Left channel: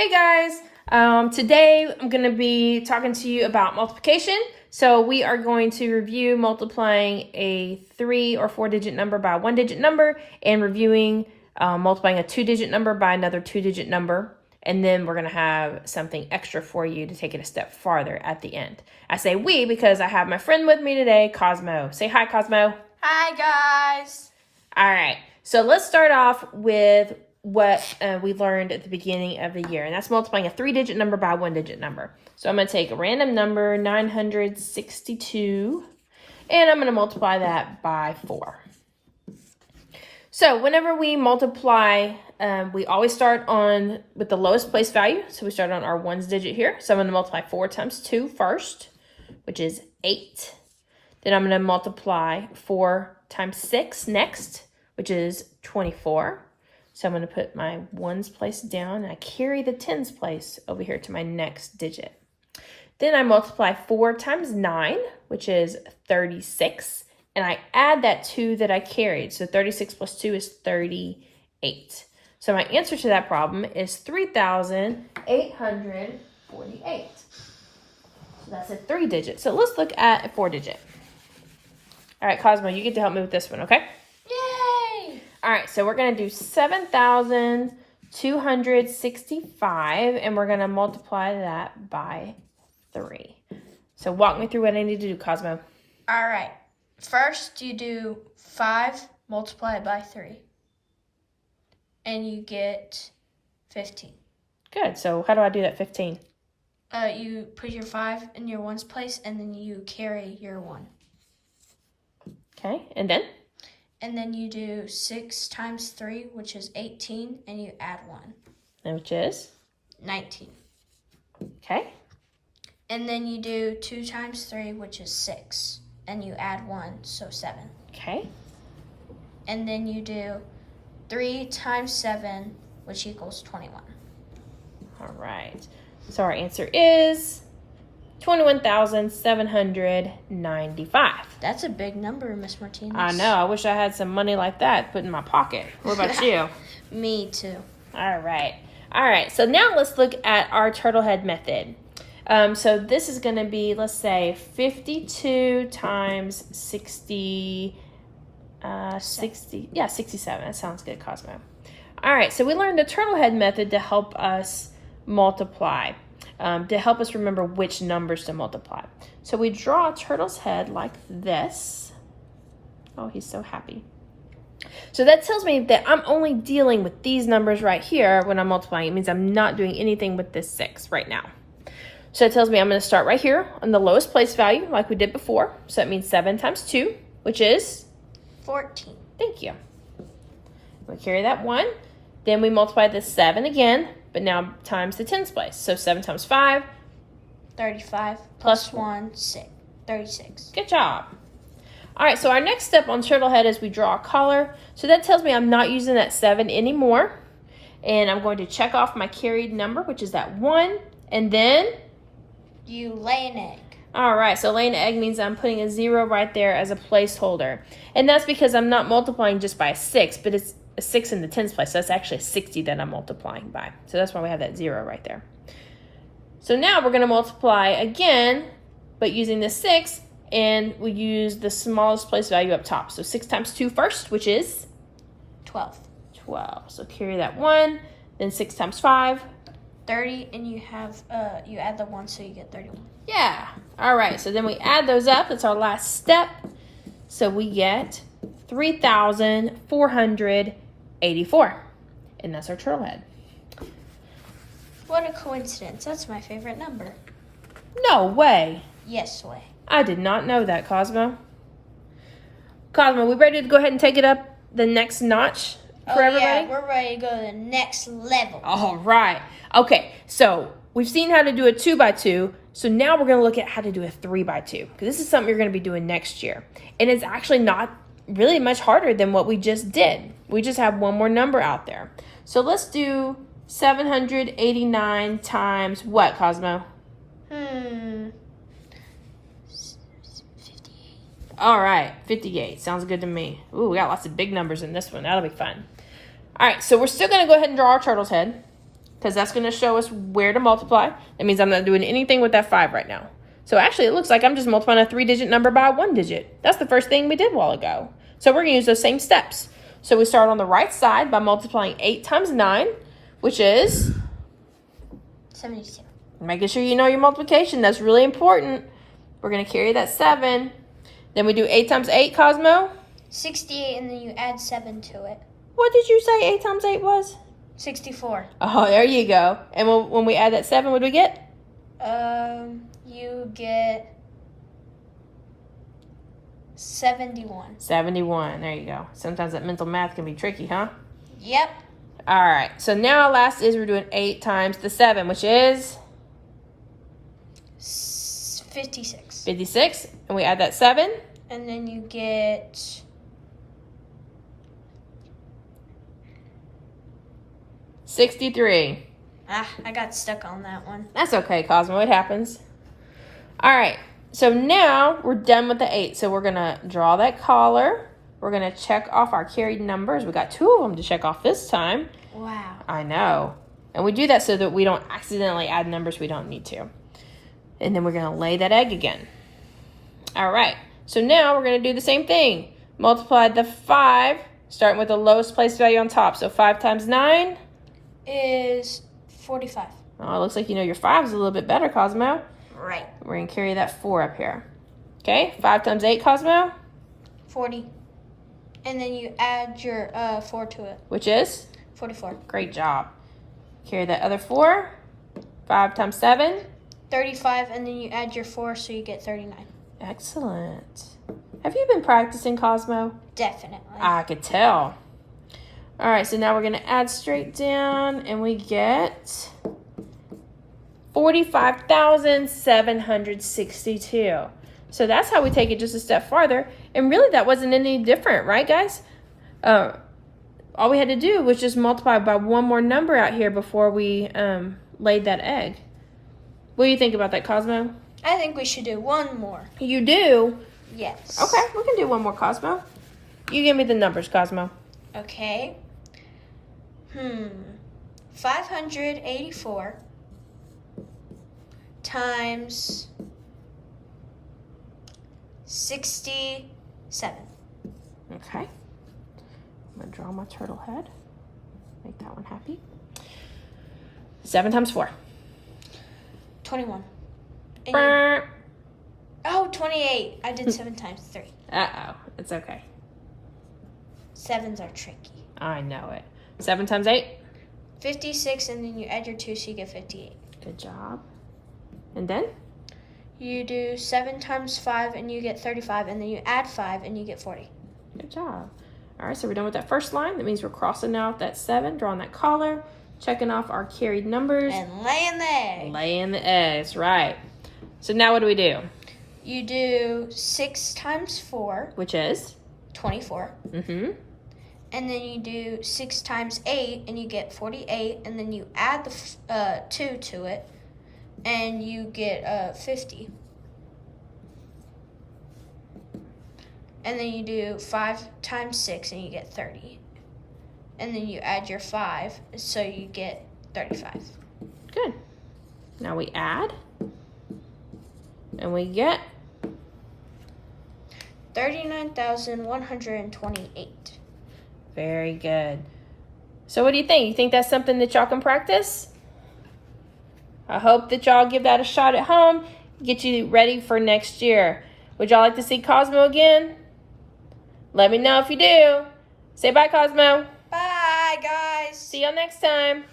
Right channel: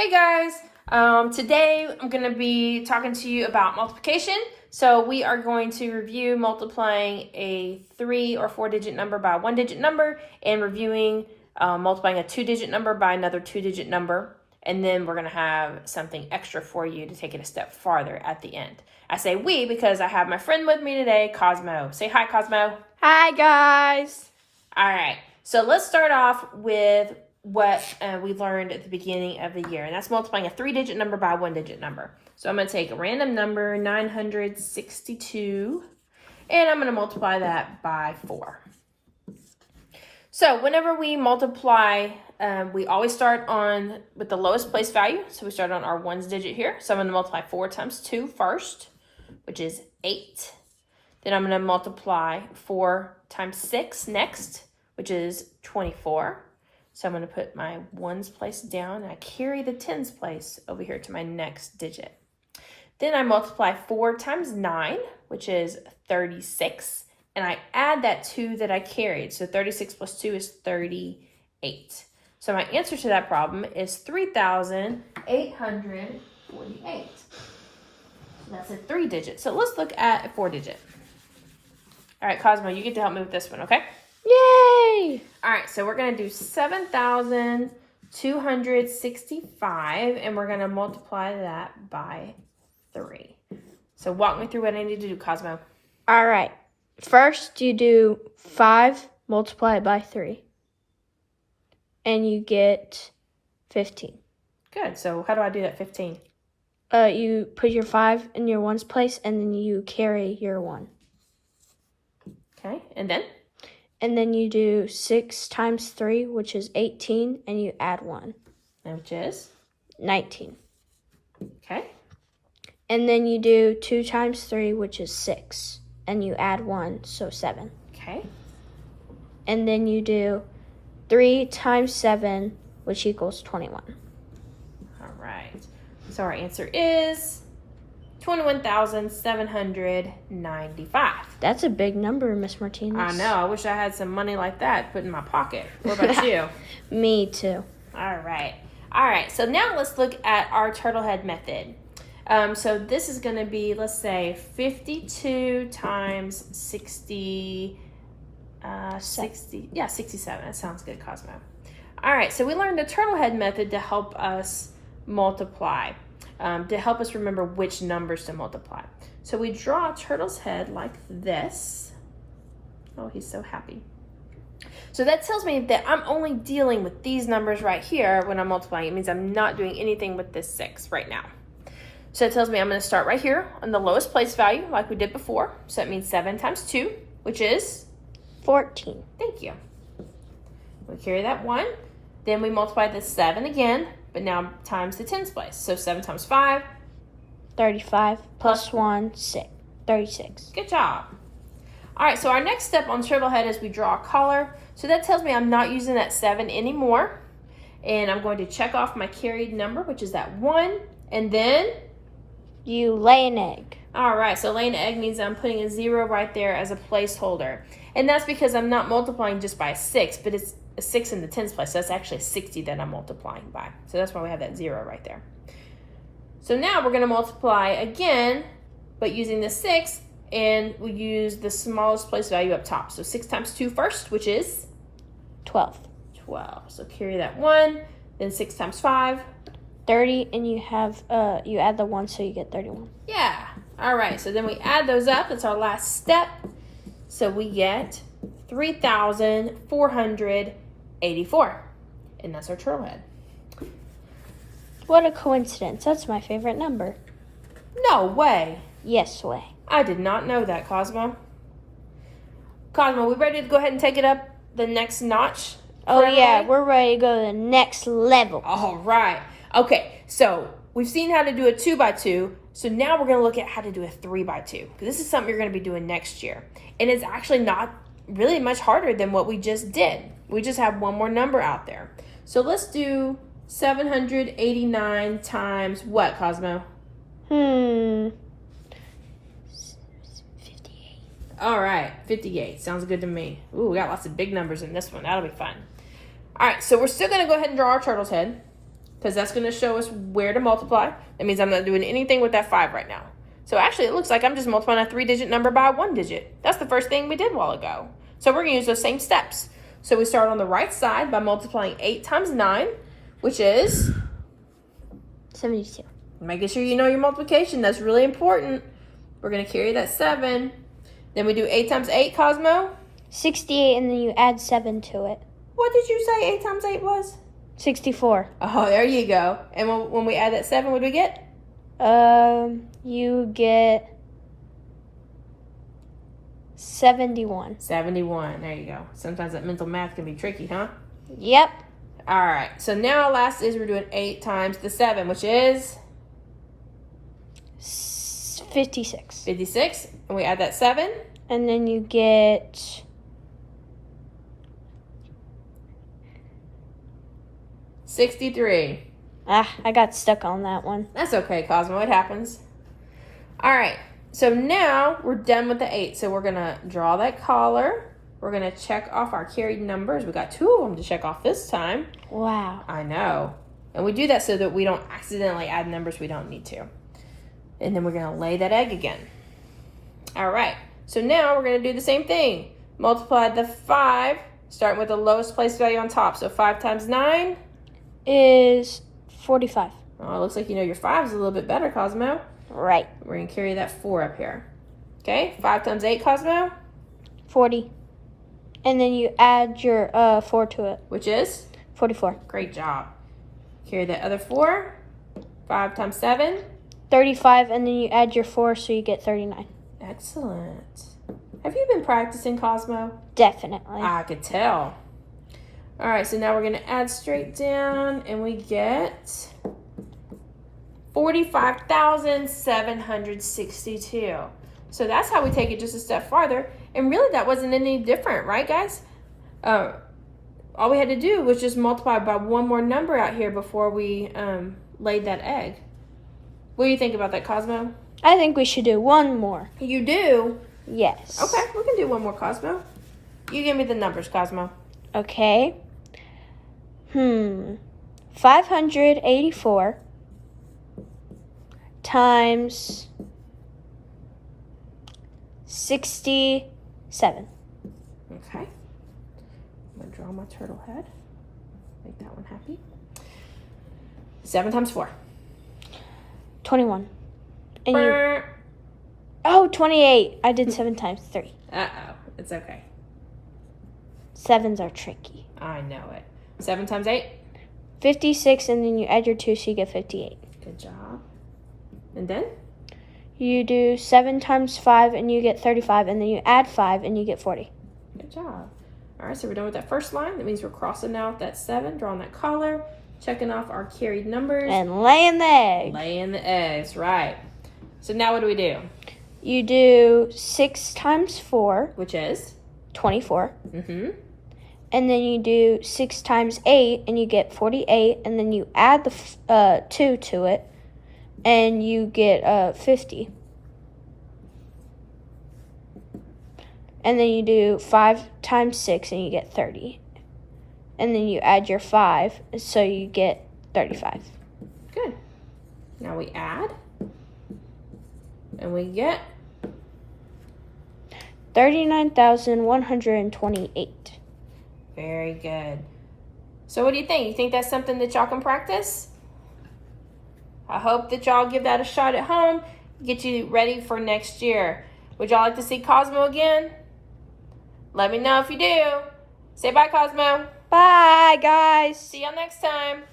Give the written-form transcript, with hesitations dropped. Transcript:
Hey guys, today I'm going to be talking to you about multiplication. So we are going to review multiplying a 3 or 4 digit number by a 1-digit number and reviewing multiplying a 2-digit number by another 2-digit number. And then we're going to have something extra for you to take it a step farther at the end. I say we because I have my friend with me today, Cosmo. Say hi, Cosmo. Hi, guys. All right, so let's start off with what we learned at the beginning of the year, and that's multiplying a 3-digit number by a 1-digit number. So I'm going to take a random number, 962, and I'm going to multiply that by 4. So whenever we multiply, we always start with the lowest place value. So we start on our ones digit here. So I'm going to multiply 4 times 2 first, which is 8. Then I'm going to multiply 4 times 6 next, which is 24. So I'm going to put my ones place down, and I carry the tens place over here to my next digit. Then I multiply 4 times 9, which is 36, and I add that 2 that I carried. So 36 plus 2 is 38. So my answer to that problem is 3,848. So that's a 3-digit. So let's look at a 4-digit. All right, Cosmo, you get to help me with this one, okay? Yay! All right, so we're going to do 7,265, and we're going to multiply that by 3. So walk me through what I need to do, Cosmo. All right. First, you do 5 multiplied by 3. And you get 15. Good. So how do I do that 15? You put your 5 in your ones place, and then you carry your 1. Okay, and then? And then you do 6 times 3, which is 18, and you add 1. And which is? 19. Okay. And then you do 2 times 3, which is 6, and you add 1, so 7. Okay. And then you do 3 times 7, which equals 21. All right. So our answer is 21,795. That's a big number, Miss Martinez. I know. I wish I had some money like that to put in my pocket. What about you? Me too. All right. All right. So now let's look at our turtlehead method. So this is going to be, let's say, 52 times 60. 67. That sounds good, Cosmo. All right. So we learned the turtlehead method to help us multiply. To help us remember which numbers to multiply. So we draw a turtle's head like this. Oh, he's so happy. So that tells me that I'm only dealing with these numbers right here when I'm multiplying. It means I'm not doing anything with this 6 right now. So it tells me I'm going to start right here on the lowest place value like we did before. So that means 7 times 2, which is? 14. Thank you. We carry that 1. Then we multiply this 7 again, but now times the tens place. So 7 times 5. 35 plus 1, 6. 36. Good job. All right, so our next step on turtlehead is we draw a collar. So that tells me I'm not using that 7 anymore. And I'm going to check off my carried number, which is that 1. And then? You lay an egg. All right, so laying an egg means I'm putting a 0 right there as a placeholder. And that's because I'm not multiplying just by a 6, but it's a 6 in the tens place. So that's actually a 60 that I'm multiplying by. So that's why we have that 0 right there. So now we're going to multiply again, but using the 6, and we use the smallest place value up top. So 6 times 2 first, which is? 12. 12. So carry that 1, then 6 times 5. 30, and you have you add the 1, so you get 31. Yeah. All right, so then we add those up. It's our last step. So we get 3,484. And that's our turtlehead. What a coincidence. That's my favorite number. No way. Yes way. I did not know that, Cosmo. Cosmo, we ready to go ahead and take it up the next notch? Oh yeah, we're ready to go to the next level. All right. Okay, so we've seen how to do a 2x2. So now we're going to look at how to do a 3x2. Because this is something you're going to be doing next year. And it's actually not really much harder than what we just did. We just have one more number out there. So let's do 789 times what, Cosmo? 58. All right, 58. Sounds good to me. Ooh, we got lots of big numbers in this one. That'll be fun. All right, so we're still going to go ahead and draw our turtle's head. because that's going to show us where to multiply. That means I'm not doing anything with that 5 right now. So actually, it looks like I'm just multiplying a 3-digit number by a 1-digit. That's the first thing we did a while ago. So we're going to use those same steps. So we start on the right side by multiplying 8 times 9, which is 72. Making sure you know your multiplication. That's really important. We're going to carry that 7. Then we do 8 times 8, Cosmo. 68, and then you add 7 to it. What did you say 8 times 8 was? 64. Oh, there you go. And when we add that 7, what do we get? You get 71. 71. There you go. Sometimes that mental math can be tricky, huh? Yep. All right. So now last is we're doing 8 times the 7, which is 56. 56. And we add that 7. And then you get 63. I got stuck on that one. That's okay, Cosmo. It happens. All right. So now we're done with the 8. So we're going to draw that collar. We're going to check off our carried numbers. We got 2 of them to check off this time. Wow. I know. And we do that so that we don't accidentally add numbers we don't need to. And then we're going to lay that egg again. All right. So now we're going to do the same thing. Multiply the 5, starting with the lowest place value on top. So 5 times 9 is 45. Oh, it looks like you know your 5 is a little bit better, Cosmo. Right. We're going to carry that 4 up here. Okay, 5 times 8, Cosmo? 40. And then you add your 4 to it. Which is? 44. Great job. Carry that other 4. 5 times 7? 35, and then you add your 4, so you get 39. Excellent. Have you been practicing, Cosmo? Definitely. I could tell. All right, so now we're going to add straight down, and we get 45,762. So that's how we take it just a step farther. And really, that wasn't any different, right, guys? All we had to do was just multiply by one more number out here before we laid that egg. What do you think about that, Cosmo? I think we should do one more. You do? Yes. Okay, we can do one more, Cosmo. You give me the numbers, Cosmo. Okay. 584 times 67. Okay. I'm going to draw my turtle head. Make that one happy. 7 times 4. 21. And you... Oh, 28. I did 7 times 3. Uh-oh. It's okay. 7s are tricky. I know it. 7 times 8. 56, and then you add your 2, so you get 58. Good job. And then? You do 7 times 5, and you get 35, and then you add 5, and you get 40. Good job. All right, so we're done with that first line. That means we're crossing out that 7, drawing that collar, checking off our carried numbers. And laying the egg. Laying the eggs, right. So now what do we do? You do 6 times 4. Which is? 24. Mm-hmm. And then you do 6 times 8, and you get 48. And then you add the 2 to it, and you get 50. And then you do 5 times 6, and you get 30. And then you add your 5, so you get 35. Good. Now we add. And we get 39,128. Very good. So what do you think? You think that's something that y'all can practice? I hope that y'all give that a shot at home, get you ready for next year. Would y'all like to see Cosmo again? Let me know if you do. Say bye, Cosmo. Bye, guys. See y'all next time.